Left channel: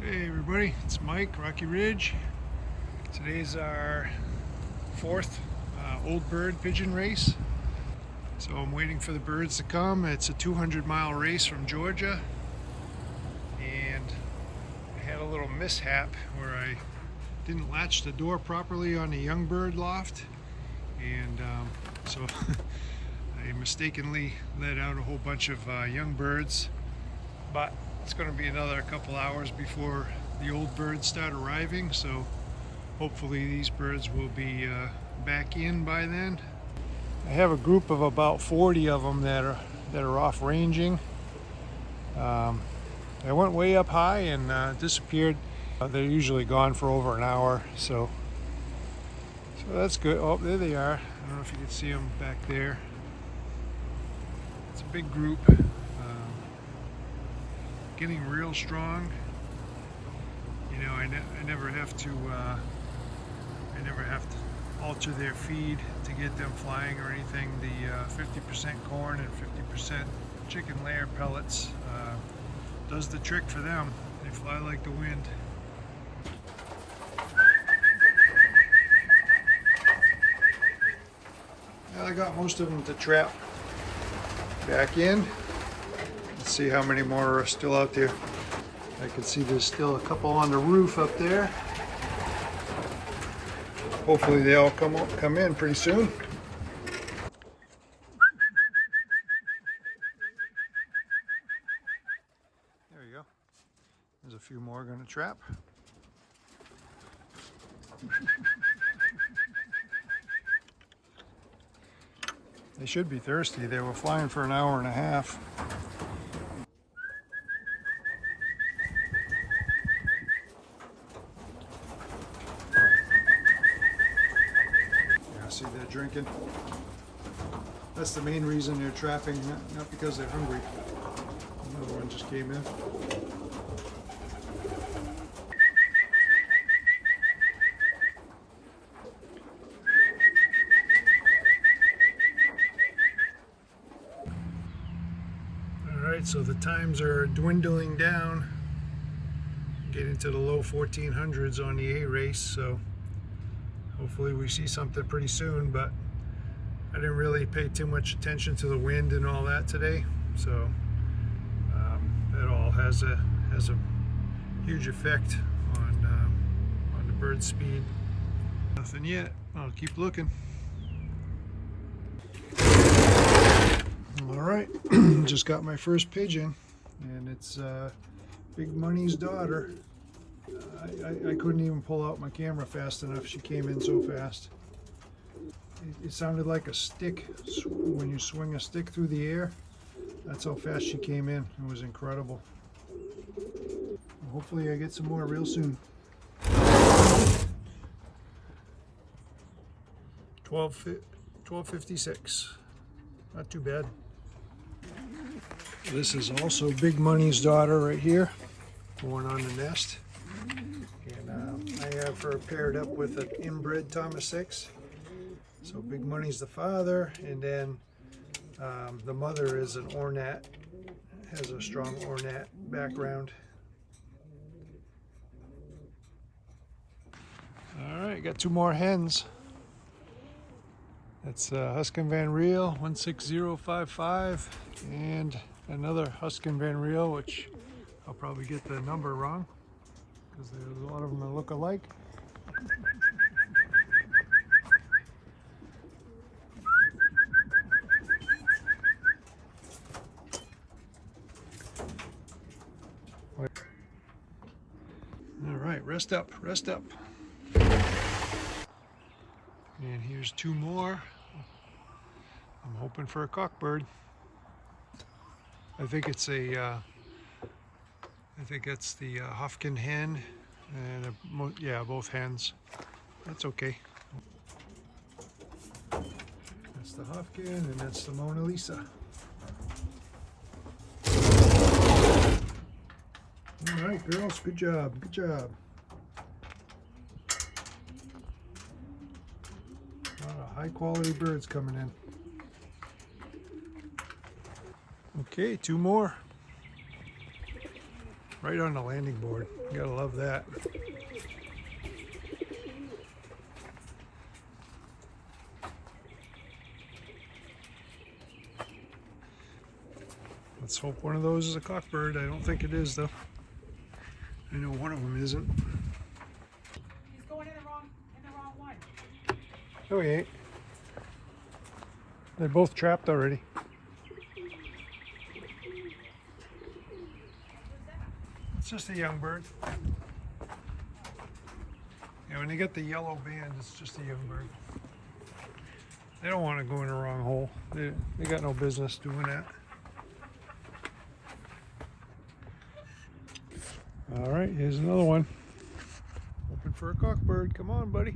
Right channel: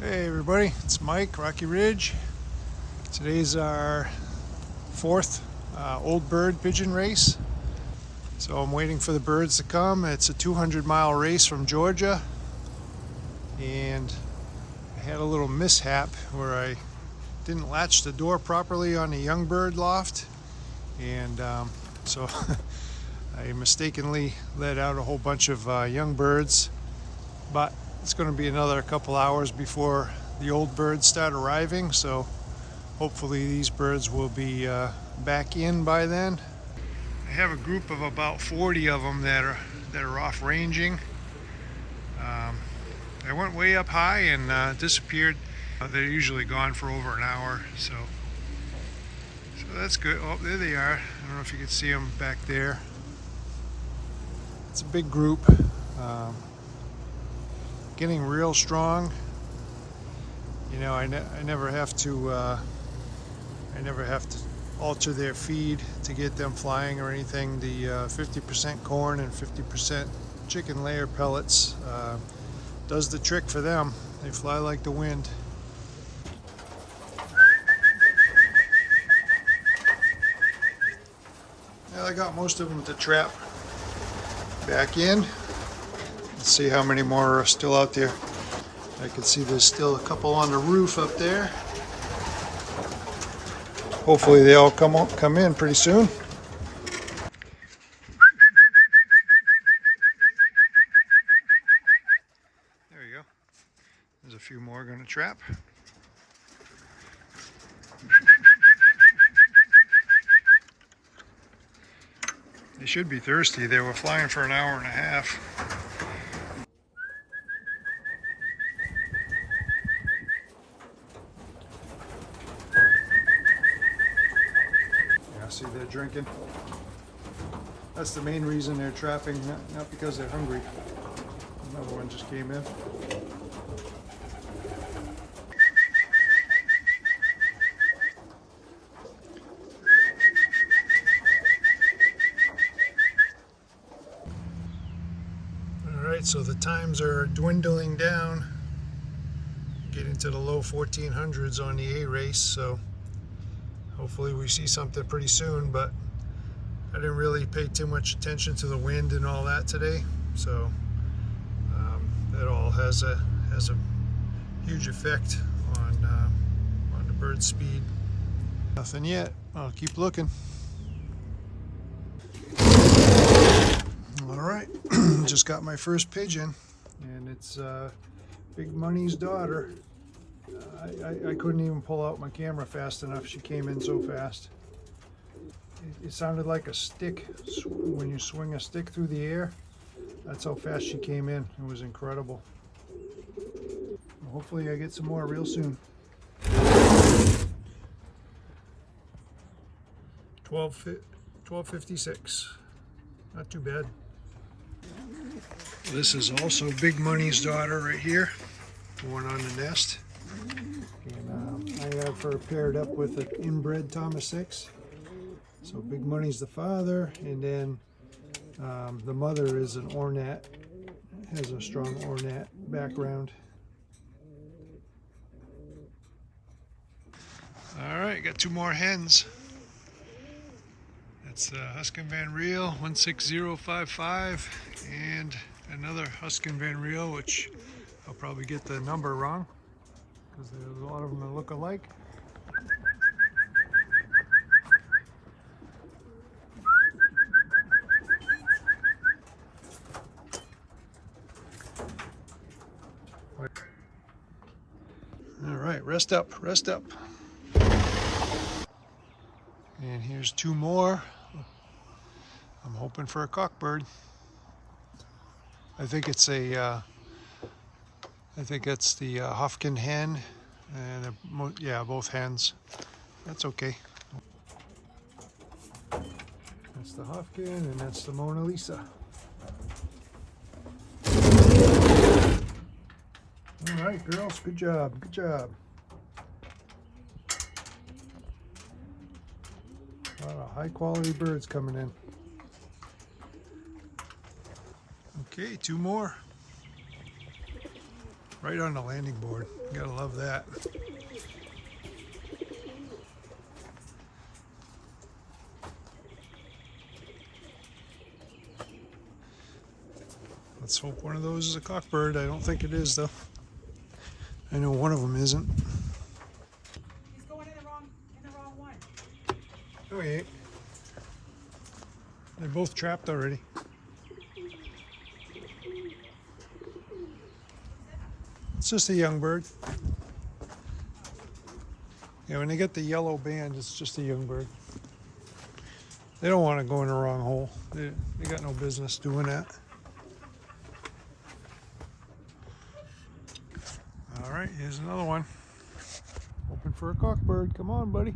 Hey everybody, it's Mike, Rocky Ridge. Today's our fourth old bird pigeon race. So I'm waiting for the birds to come. It's a 200-mile race from Georgia. And I had a little mishap where I didn't latch the door properly on the young bird loft. And so I mistakenly let out a whole bunch of young birds. But it's going to be another couple hours before the old birds start arriving, so hopefully these birds will be back in by then. I have a group of about 40 of them that are off ranging. I went way up high and disappeared. They're usually gone for over an hour, so that's good. Oh, there they are. I don't know if you can see them back there. It's a big group. Getting real strong. You know, I never have to alter their feed to get them flying or anything. The 50% corn and 50% chicken layer pellets does the trick for them. They fly like the wind. Well, I got most of them to trap back in. Let's see how many more are still out there. I can see there's still a couple on the roof up there. Hopefully they all come in pretty soon. There you go. There's a few more going to trap. They should be thirsty. They were flying for an hour and a half. See, they're drinking. That's the main reason they're trapping, not because they're hungry. Another one just came in. Alright, so the times are dwindling down, getting to the low 1400s on the A race, so hopefully we see something pretty soon, but I didn't really pay too much attention to the wind and all that today, so that all has a huge effect on the bird's speed. Nothing yet. I'll keep looking. All right, just got my first pigeon, and it's Big Money's daughter. I couldn't even pull out my camera fast enough. She came in so fast. It sounded like a stick when you swing a stick through the air. That's how fast she came in. It was incredible. Hopefully I get some more real soon. 12:56. Not too bad. This is also Big Money's daughter right here. The one on the nest. And I have her paired up with an inbred Thomas 6. So Big Money's the father, and then the mother is an Ornat, has a strong Ornat background. All right, got two more hens. That's Huskin Van Riel 16055 and another Huskin Van Riel, which I'll probably get the number wrong because there's a lot of them that look alike. All right, rest up, rest up. And here's two more. I'm hoping for a cockbird. I think it's the Hofkin hen, and yeah, both hens. That's okay. That's the Hofkin, and that's the Mona Lisa. All right, girls, good job, good job. A lot of high quality birds coming in. Okay, two more. Right on the landing board. You gotta love that. Let's hope one of those is a cockbird. I don't think it is, though. I know one of them isn't. He's going in the wrong one. Oh, he ain't. They're both trapped already. It's just a young bird. Yeah, when they get the yellow band, it's just a young bird. They don't want to go in the wrong hole. They got no business doing that. All right, here's another one. Hoping for a cockbird. Come on, buddy.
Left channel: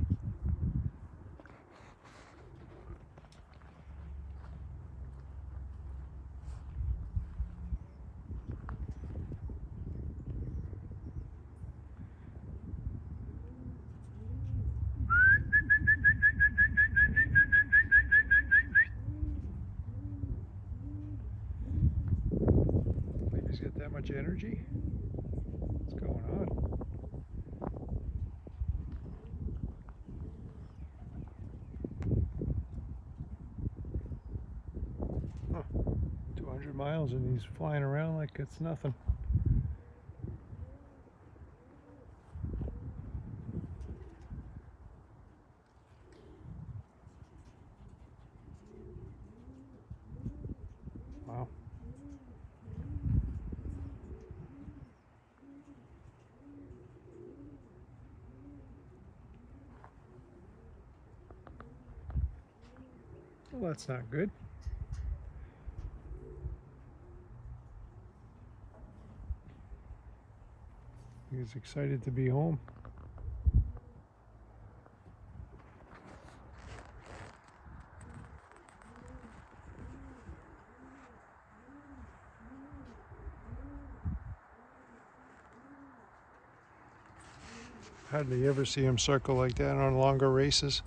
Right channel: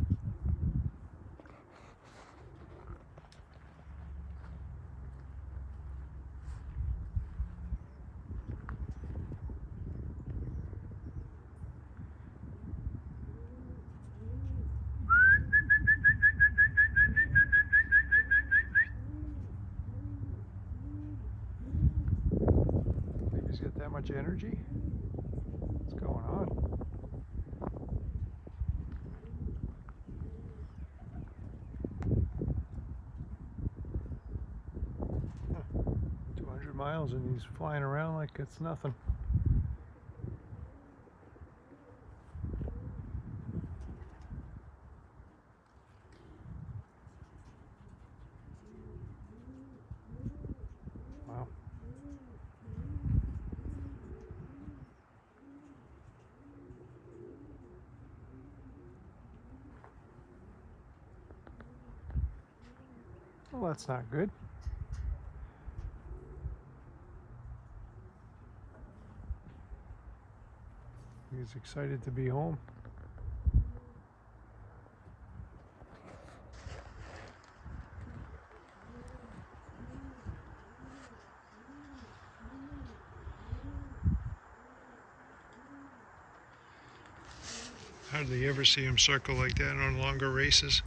Think he's got that much energy? What's going on? Huh. 200 miles and he's flying around like it's nothing. Wow. Well, that's not good. He's excited to be home. Hardly ever see him circle like that on longer races.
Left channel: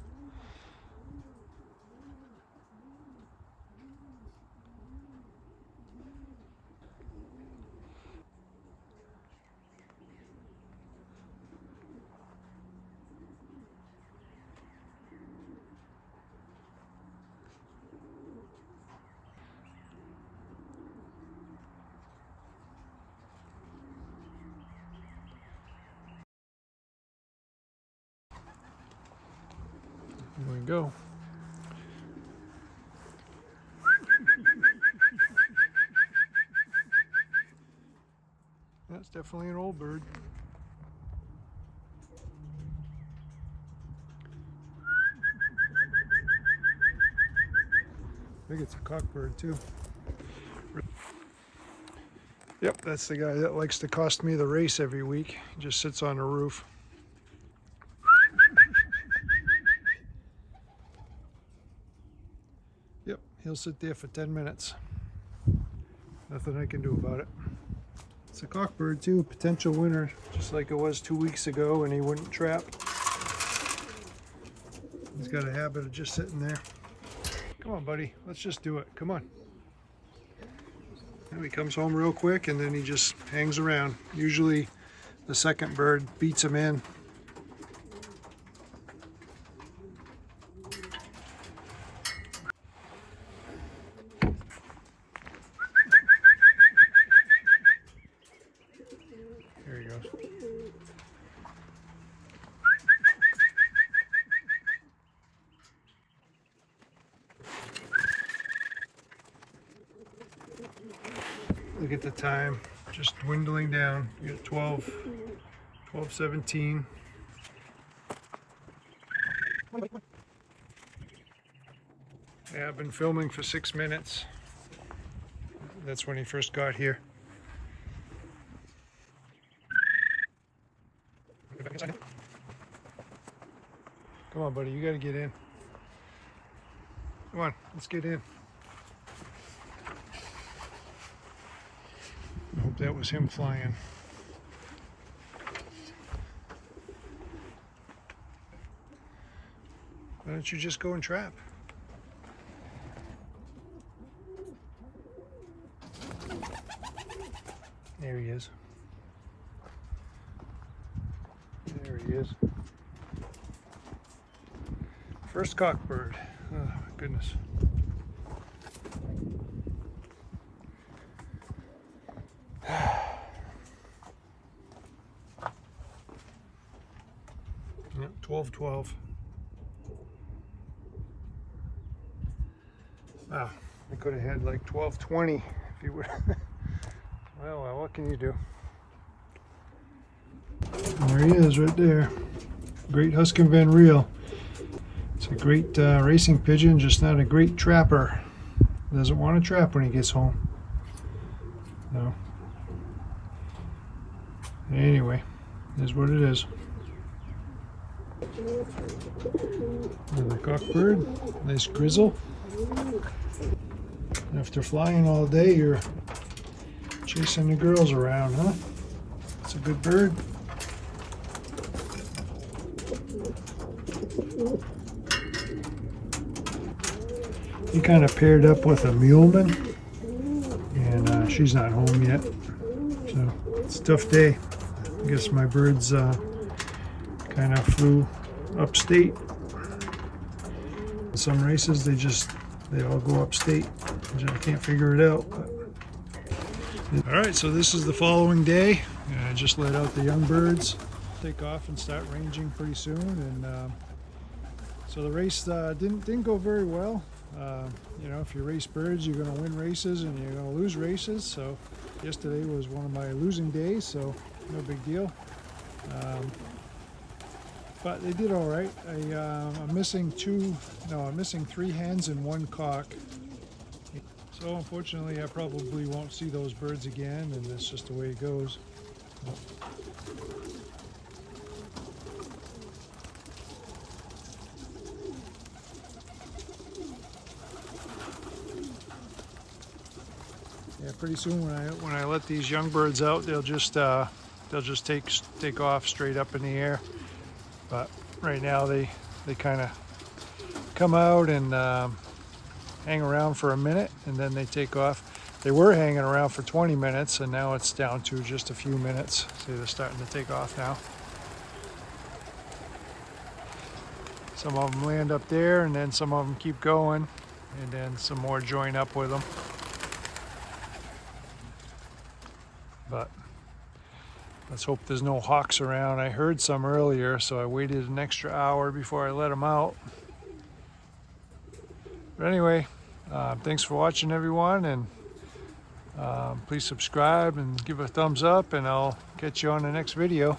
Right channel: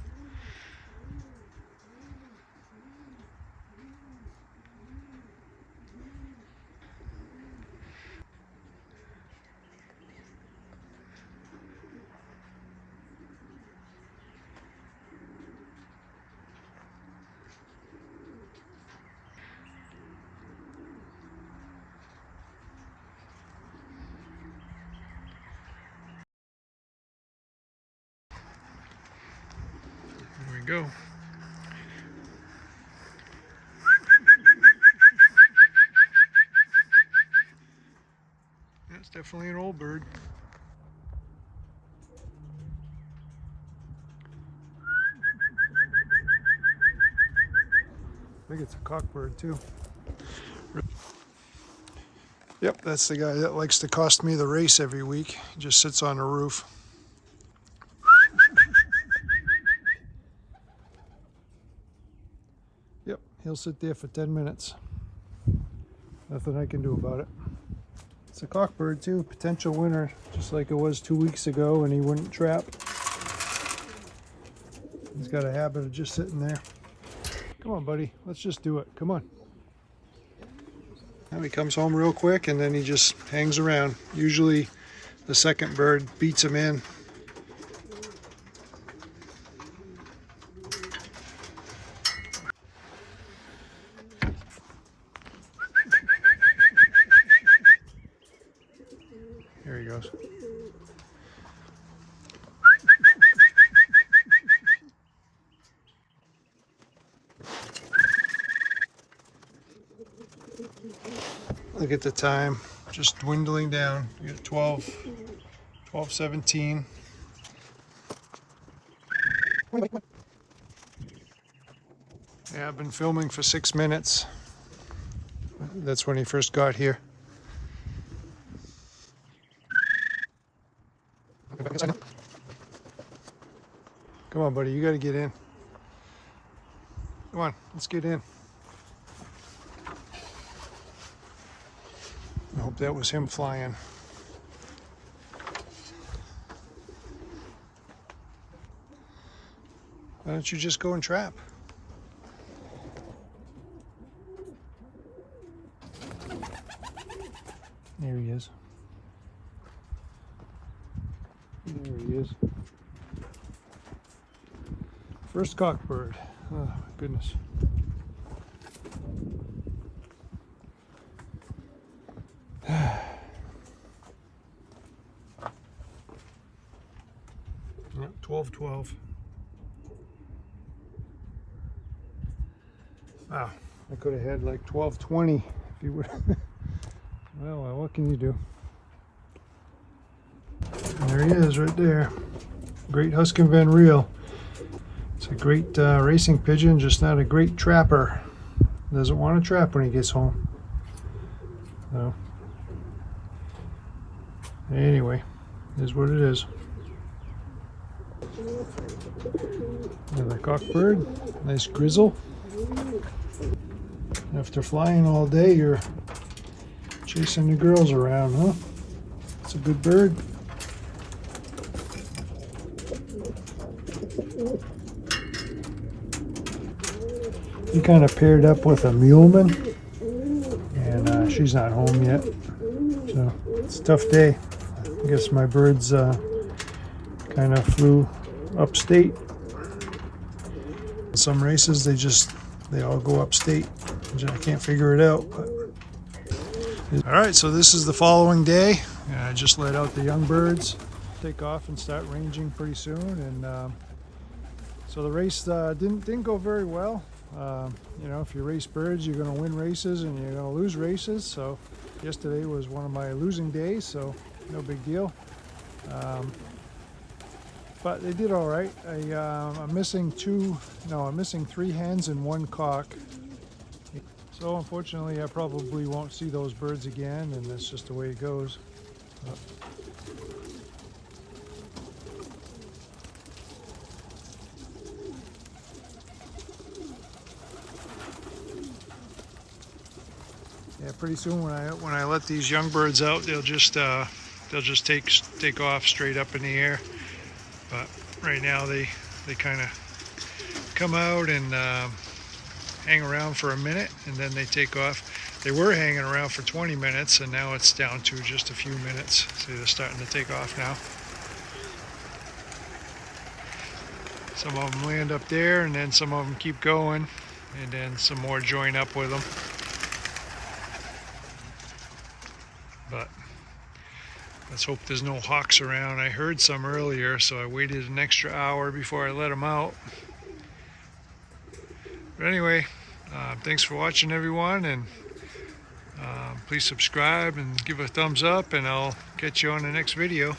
Here we go. That's definitely an old bird. I think it's a cockbird too. Yep, that's the guy that likes to cost me the race every week. He just sits on the roof. Yep, he'll sit there for 10 minutes. Nothing I can do about it. It's a cockbird too, potential winner, just like it was 2 weeks ago when he wouldn't trap. He's got a habit of just sitting there. Come on, buddy, let's just do it. Come on. And he comes home real quick and then he just hangs around. Usually the second bird beats him in. Here he goes. Look at the time, just dwindling down. You got 12:17. Yeah, I've been filming for 6 minutes. That's when he first got here. Come on, buddy, you gotta get in. Come on, let's get in. I hope that was him flying. Why don't you just go and trap? There he is. There he is. First cockbird. Oh, goodness. Yep, 12-12. Wow, I could have had like 12-20 if you would. Well, what can you do? And there he is right there. Great Huskin Van Reel. It's a great racing pigeon, just not a great trapper. Doesn't want to trap when he gets home. So, anyway, it is what it is. Another cockbird, nice grizzle. After flying all day, you're chasing the girls around, huh? It's a good bird. He kind of paired up with a muleman, and she's not home yet, so it's a tough day. I guess my birds kind of flew upstate. In some races they all go upstate. I can't figure it out. But. All right, so this is the following day. I just let out the young birds take off and start ranging pretty soon, and so the race didn't go very well. You know, if you race birds, you're going to win races and you're going to lose races. So yesterday was one of my losing days, so no big deal. But they did all right. I'm missing 3 hens and 1 cock. So unfortunately, I probably won't see those birds again, and that's just the way it goes. Yeah, pretty soon when I let these young birds out, they'll just take off straight up in the air. But right now they kind of come out and hang around for a minute, and then they take off. They were hanging around for 20 minutes, and now it's down to just a few minutes. See, they're starting to take off now. Some of them land up there, and then some of them keep going, and then some more join up with them. But let's hope there's no hawks around. I heard some earlier, so I waited an extra hour before I let them out. But anyway, thanks for watching, everyone, and please subscribe and give a thumbs up, and I'll catch you on the next video.